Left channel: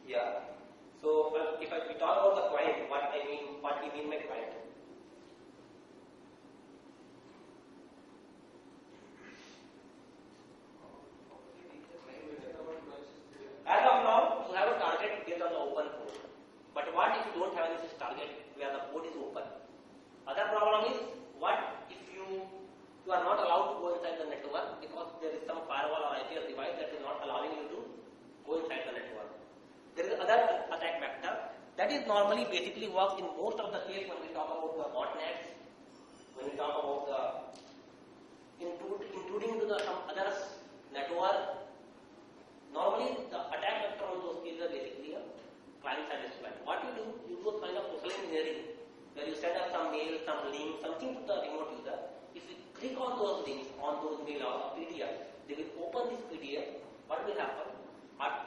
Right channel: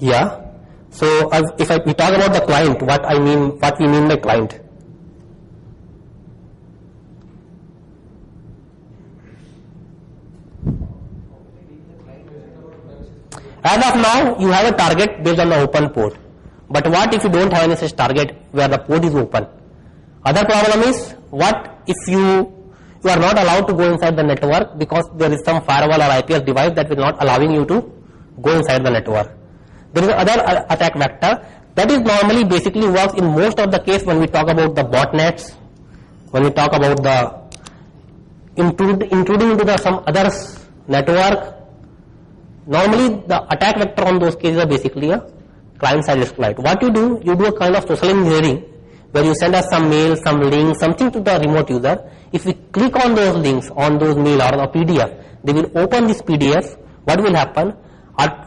Yeah. So if we talk about the client, what we mean by client. As of now, you have a target based on the open port. But what if you don't have any such target where the port is open? Other problem is, what if you are not allowed to go inside the network because there is some firewall or IPS device that will not allowing you to go inside the network. There is another attack vector that is normally basically works in most of the case when we talk about the botnets, when we talk about the intruding into the some other network. Normally the attack vector on those cases are basically a client-side exploit. What you do a kind of social engineering where you send us some mail, some link, something to the remote user. If we click on those links, on those mail or a PDF, they will open this PDF. What will happen?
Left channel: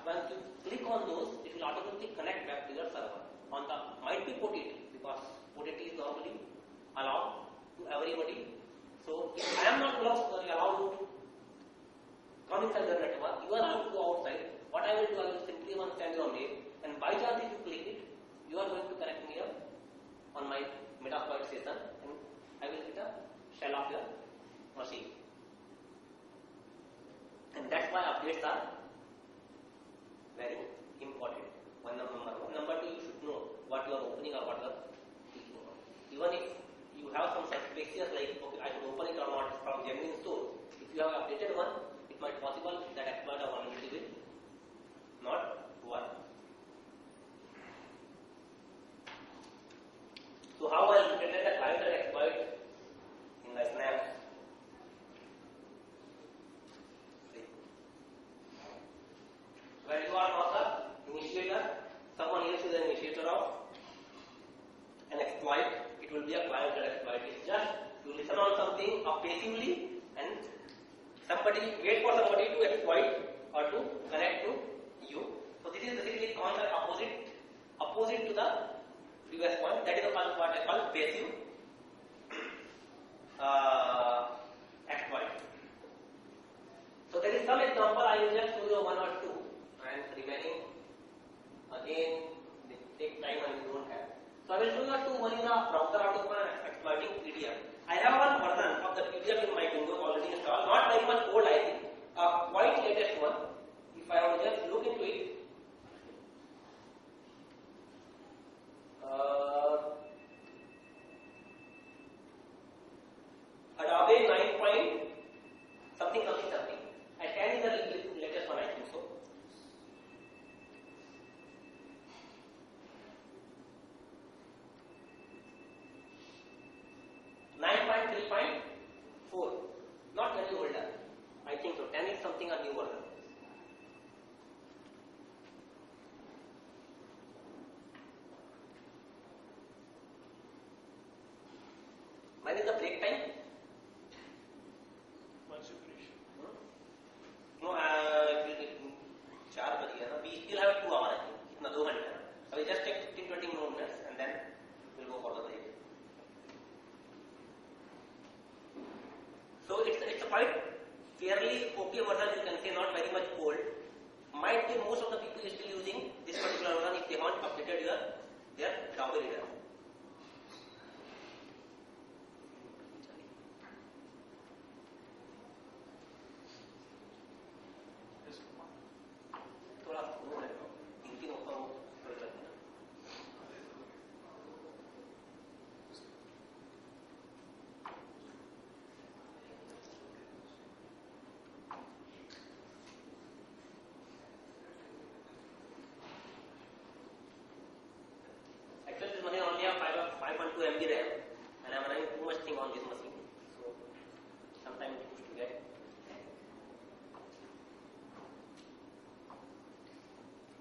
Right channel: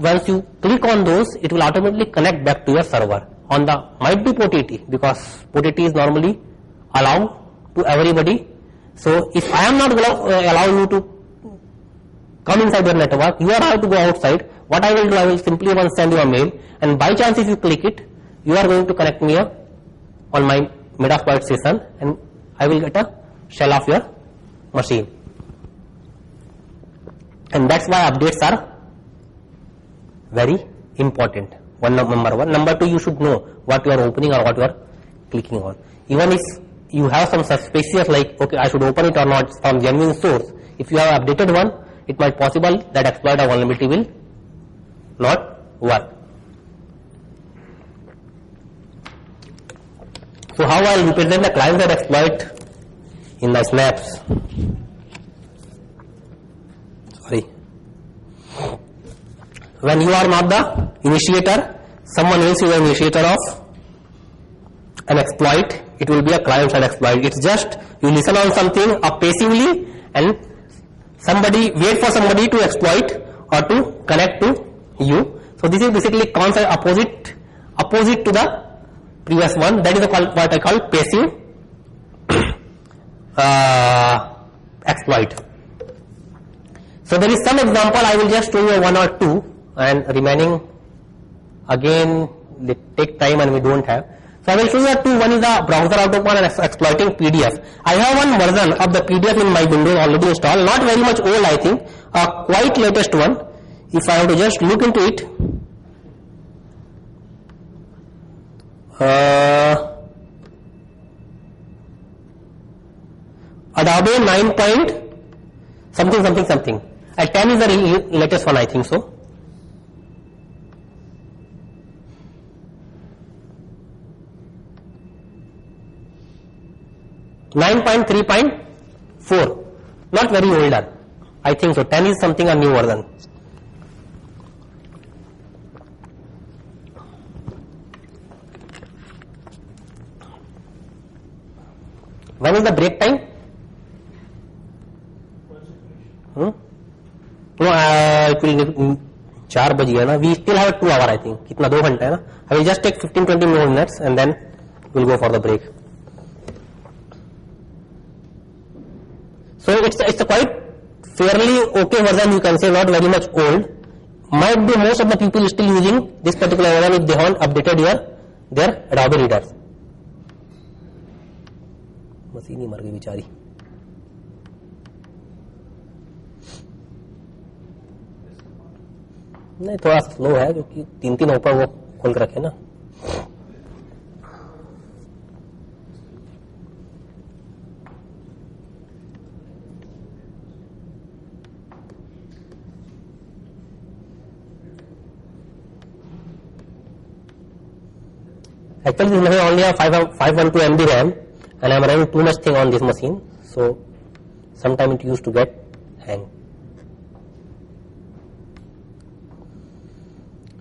Once you click on those, it will automatically connect back to your server. On the might be port 80 because port 80 is normally allowed to everybody. So if I am not allowing you to come inside your network, you are allowed to go outside. What I will do, I will simply once send you a mail, and by chance if you click it, you are going to connect me on my Metasploit-ation, and I will get a shell of your machine. And that's why updates are very important. Number one. Number two, you should know what you are opening or what you are clicking on. Even if you have some suspicious like, okay, I should open it or not from genuine source, if you have updated one, it might possible that exploit or vulnerability will not work. So how I will represent the client-side exploit in the snaps? Sorry. When you are not the initiator, someone else is the initiator of an exploit, it will be a client-side exploit. It's just you listen on something passively and wait for somebody to exploit or to connect to you. So this is basically concept opposite to the previous one. That is what I call passive exploit. So there is some example, I will just show you one or two, and remaining again they take time and we don't have. So I will show you two. One is the browser autopan and exploiting PDF. I have one version of the PDF in my Windows already installed, not very much old I think, a quite latest one. If I have to just look into it, Adobe 9 point something. At 10 is the latest one I think so. .3.4, not very older, I think so. 10 is something a new version. When is the break time? No, it will 4 बज गया ना. We still have 2 hours I think. कितना 2 घंटे है ना. I will just take 15-20 more minutes and then we'll go for the break. So it's a quite fairly okay version, you can say, not very much old. Might be most of the people still using this particular version if they haven't updated their Adobe reader. Machine ही मर गई बेचारी. नहीं, थोड़ा slow है क्योंकि 3 ऊपर वो खोल कर रखे ना. Actually, this machine only have 512 MB RAM, and I am running too much thing on this machine, so sometimes it used to get hang.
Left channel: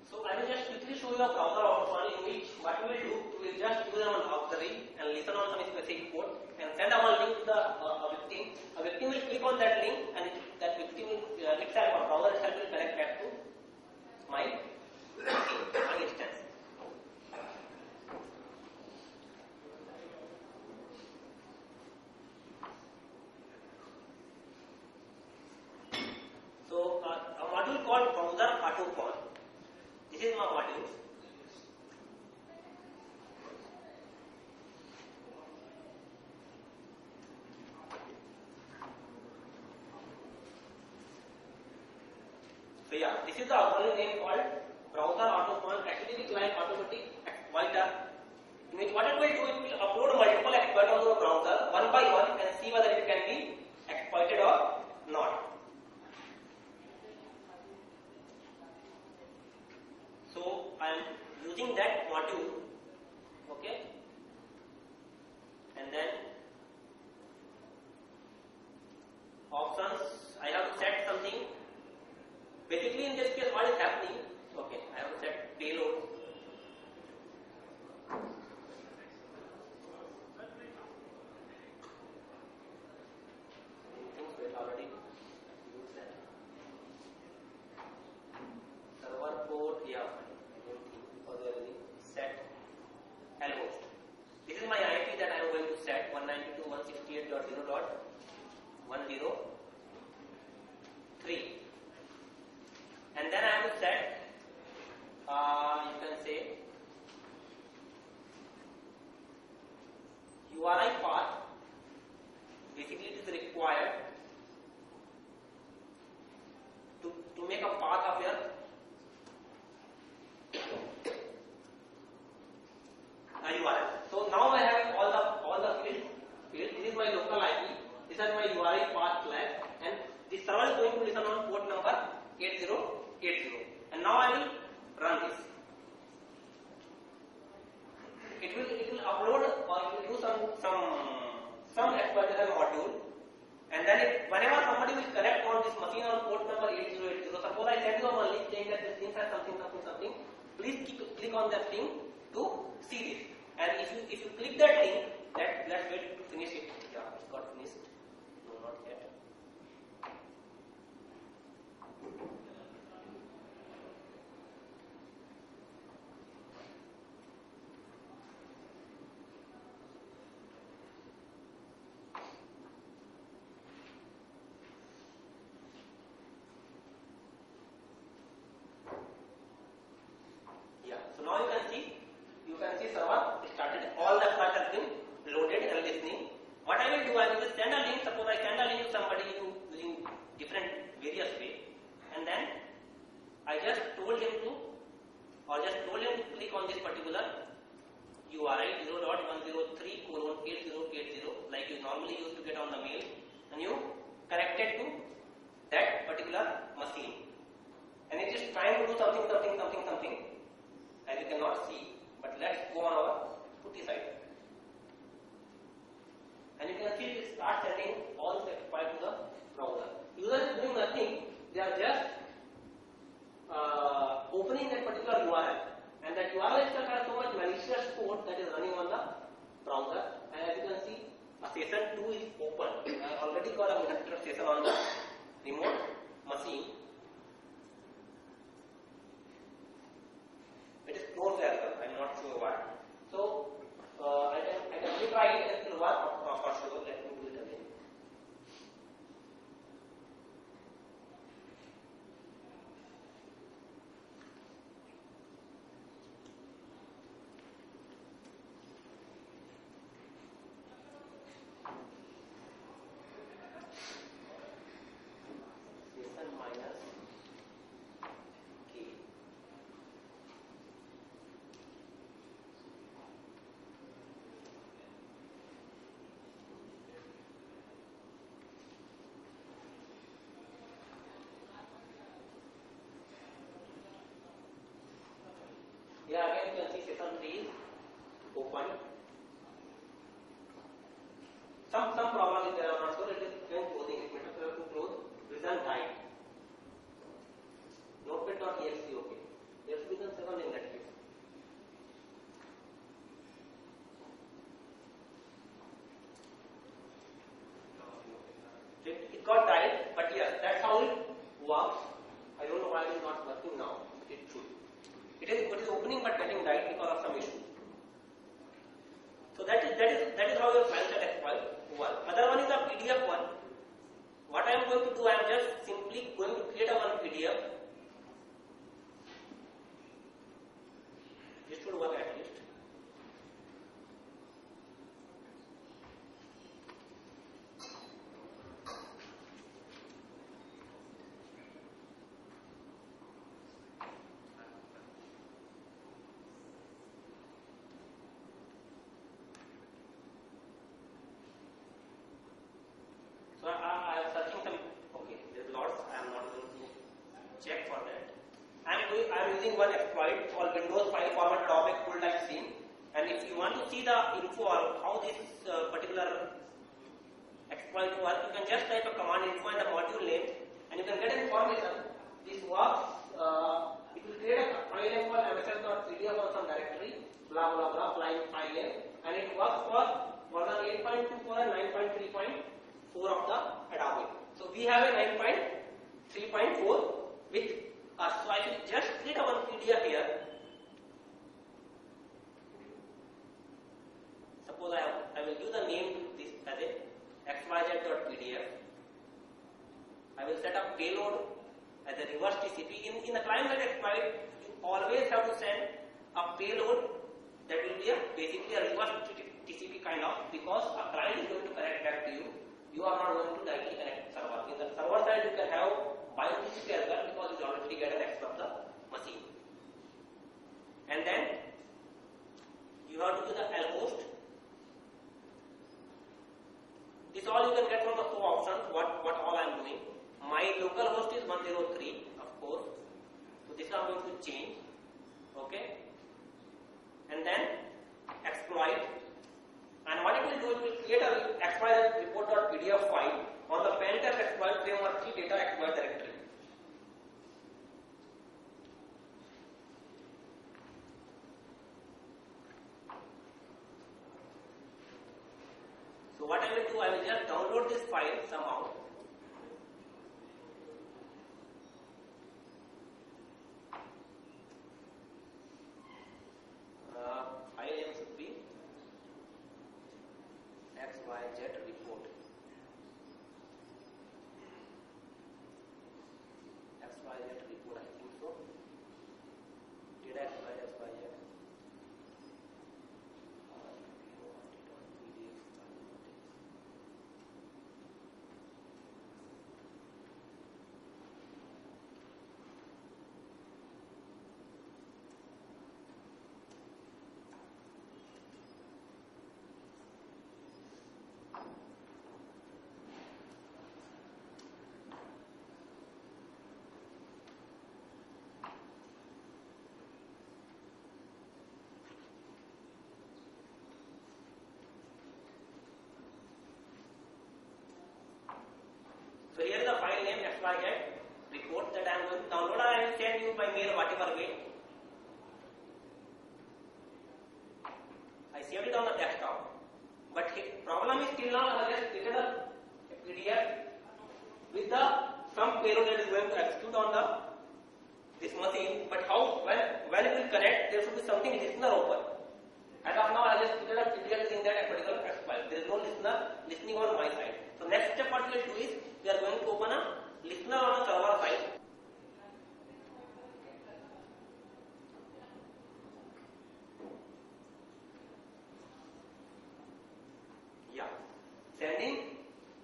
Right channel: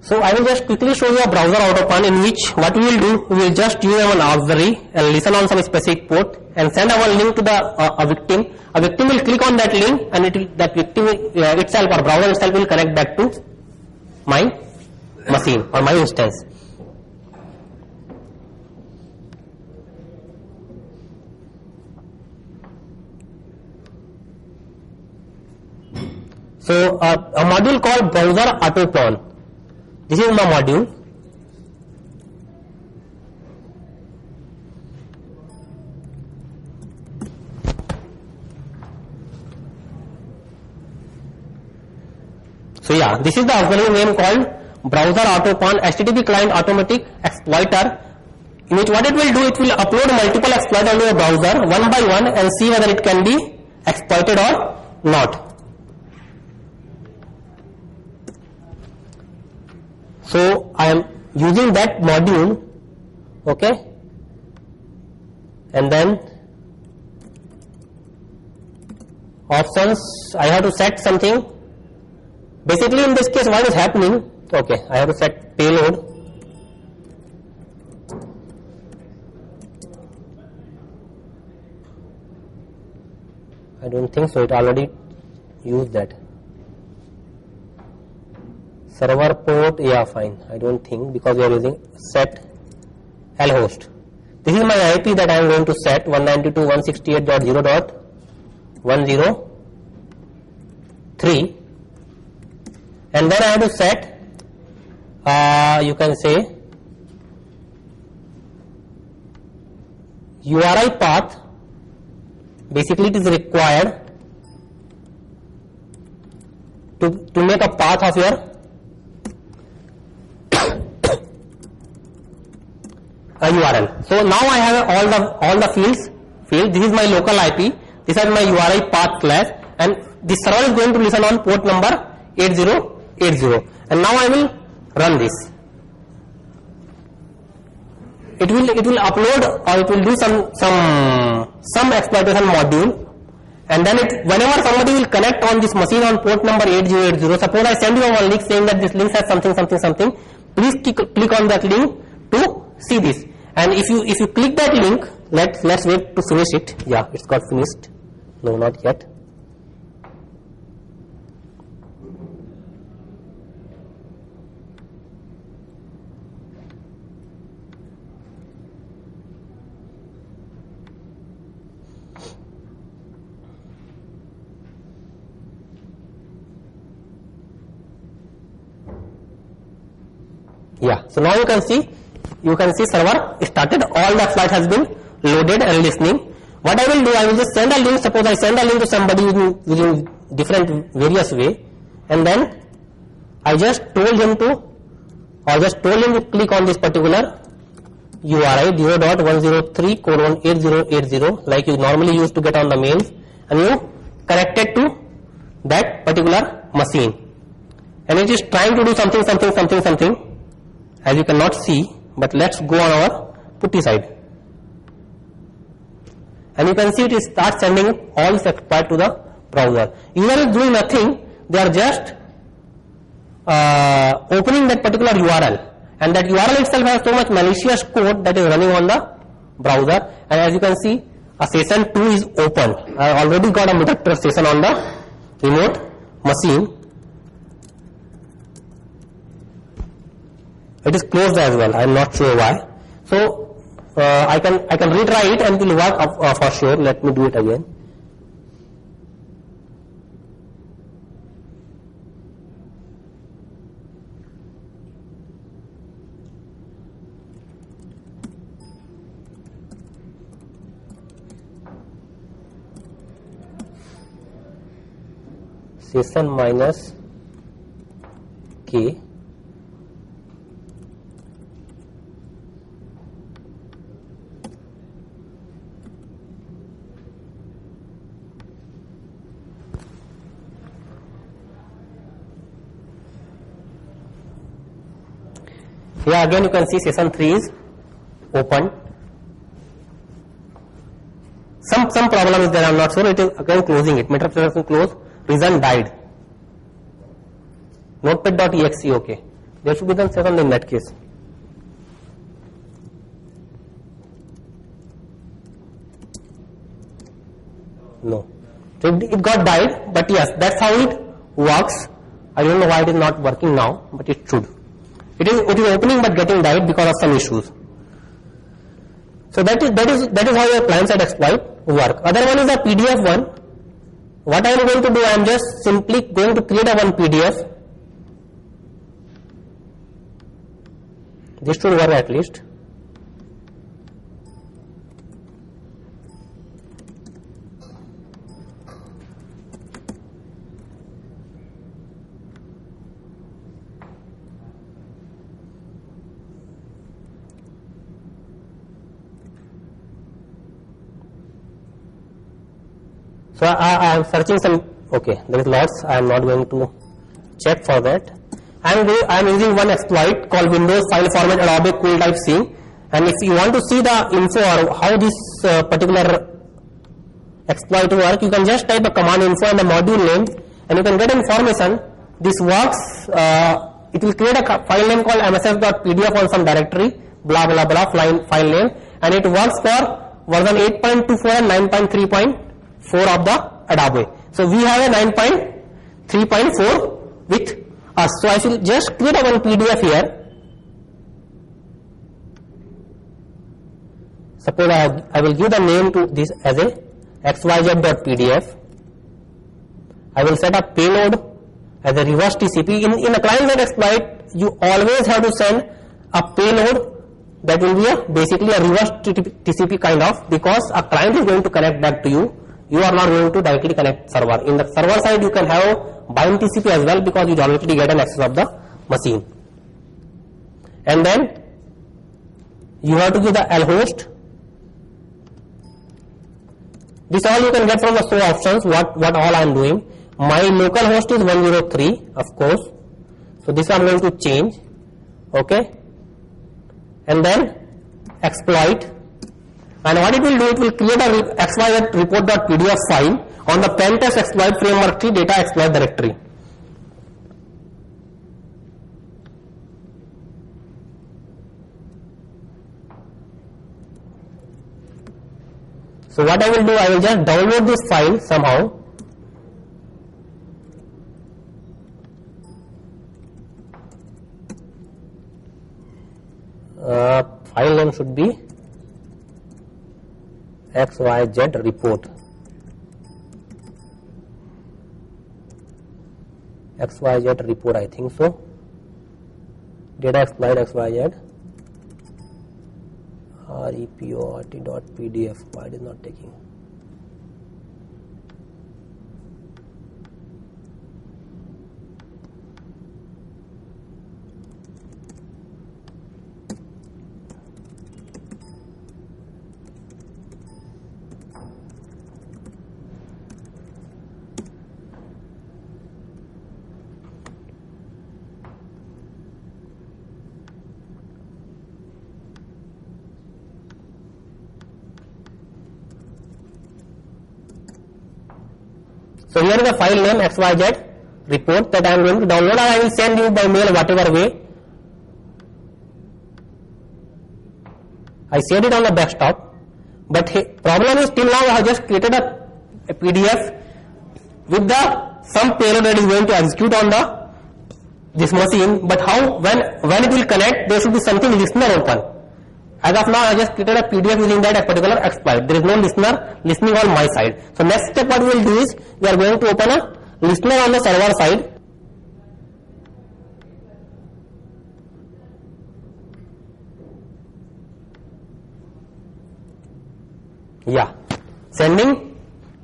So I will just quickly show you a browser autopan in which what we will do, we will just use an auxiliary and listen on some specific port and send our link to the a victim. A victim will click on that link and that victim itself or browser itself will connect back to my machine or my instance. So a module called browser autopan. This is my module. So yeah, this is the auxiliary name called browser autopon HTTP client automatic exploiter, in which what it will do, it will upload multiple exploits onto the browser one by one and see whether it can be exploited or not. So I am using that module, okay, and then options, I have to set something. Basically in this case what is happening, okay, I have to set payload. I don't think so, it already used that. Server port, yeah, fine, I don't think, because we are using set lhost. This is my IP that I am going to set 192.168.0.103, and then I have to set, you can say, URI path. Basically it is required to make a path of your URL. So now I have all the fields. This is my local IP. This is my URI path class, and this server is going to listen on port number 8080. And now I will run this. It will upload, or it will do some exploitation module, and then whenever somebody will connect on this machine on port number 8080, suppose I send you one link saying that this link has something, please click on that link to see this. And if you click that link, let's wait to finish it. Yeah, it's got finished. No, not yet. Yeah, so now you can see server started, all the flight has been loaded and listening. What I will do, I will just send a link. Suppose I send a link to somebody using different various way, and then I just told him to click on this particular URI 0.103:8080 like you normally used to get on the mails, and you connect it to that particular machine, and it is trying to do something. As you cannot see, but let's go on our putty side, and you can see it starts sending all this exploit to the browser. User is doing nothing, they are just opening that particular URL, and that URL itself has so much malicious code that is running on the browser. And as you can see, a session 2 is open. I already got a Murtuja session on the remote machine. It is closed as well. I am not sure why. So I can retry it and it will work for sure. Let me do it again. Session minus K. Here again you can see session 3 is open. Some problem is there, I am not sure. It is again closing it. Metasploit-ation close. Reason died. Notepad.exe, okay. There should be some session in that case. No. So it got died, but yes, that's how it works. I don't know why it is not working now, but it should. It is opening but getting died because of some issues. So that is how your client side exploit work. Other one is a PDF one. What I am going to do, I am just simply going to create a one PDF. This should work at least. So I am searching some, okay, there is lots, I am not going to check for that. I am using one exploit called Windows File Format Adobe Cool Type C, and if you want to see the info or how this particular exploit work, you can just type a command info and the module name and you can get information. This works, it will create a file name called mss.pdf on some directory, blah blah blah file name, and it works for version 8.24 and 9.3.4 of the Adobe. So we have a 9.3.4 with us. So I should just create a one PDF here. Suppose I will give the name to this as a xyz.pdf. I will set up payload as a reverse TCP. In a client-side exploit, you always have to send a payload that will be basically a reverse TCP kind of, because a client is going to connect back to you. You are not going to directly connect server. In the server side, you can have bind TCP as well, because you already get an access of the machine. And then you have to give the lhost. This all you can get from the show options, what all I am doing. My local host is 103, of course. So this I am going to change. Okay. And then exploit. And what it will do, it will create a xyz report.pdf file on the pentest exploit framework tree data exploit directory. So what I will do, I will just download this file somehow. File name should be xyz report. xyz report, I think so. Data exploit xyz report.pdf. Why it is not taking? So here is the file name xyz report that I am going to download, and I will send you by mail whatever way. I saved it on the desktop, but problem is till now I have just created a PDF with the some payload that is going to execute on this machine. But how when it will connect, there should be something listener open. As of now, I just created a PDF using that particular exploit. There is no listener listening on my side. So next step what we will do is, we are going to open a listener on the server side. Yeah, sending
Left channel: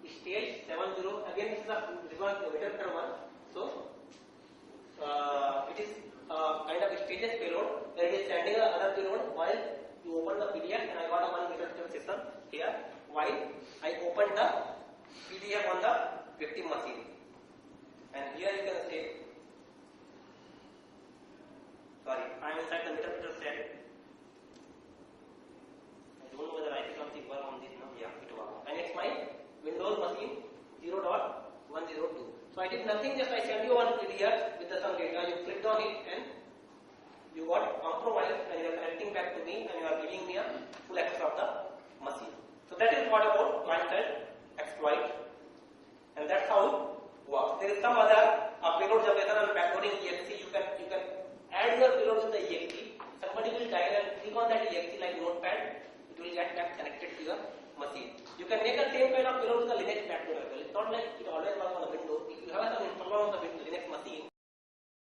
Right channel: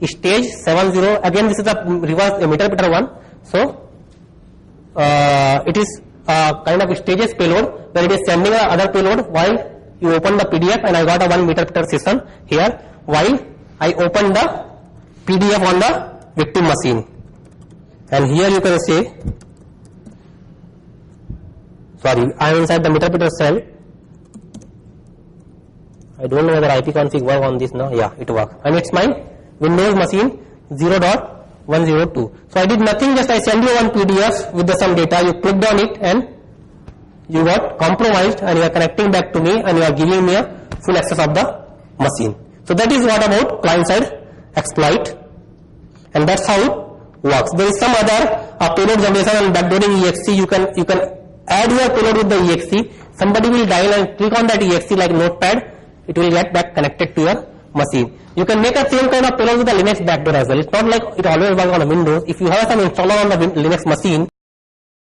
stage 70. Again, this is a reverse emitter one. So it is a kind of stages payload where it is sending the other payload while you open the PDF, and I got a 1 meter per session here while I open the PDF on the victim machine. And here you can say, sorry, I am inside the meter per cell. I don't know whether IP config work on this now. Yeah, it works. And it's my Windows machine 0.102. So I did nothing, just I send you one PDF with some data. You clicked on it and you got compromised, and you are connecting back to me, and you are giving me a full access of the machine. So that is what about client side exploit, and that's how it works. There is some other payload generation and backdooring exe. You can add your payload with the exe. Somebody will dial and click on that exe like notepad. It will get back connected to your machine. You can make a same kind of payload with the Linux backdoor as well. It's not like it always works on a Windows. If you have some installer on the Linux machine,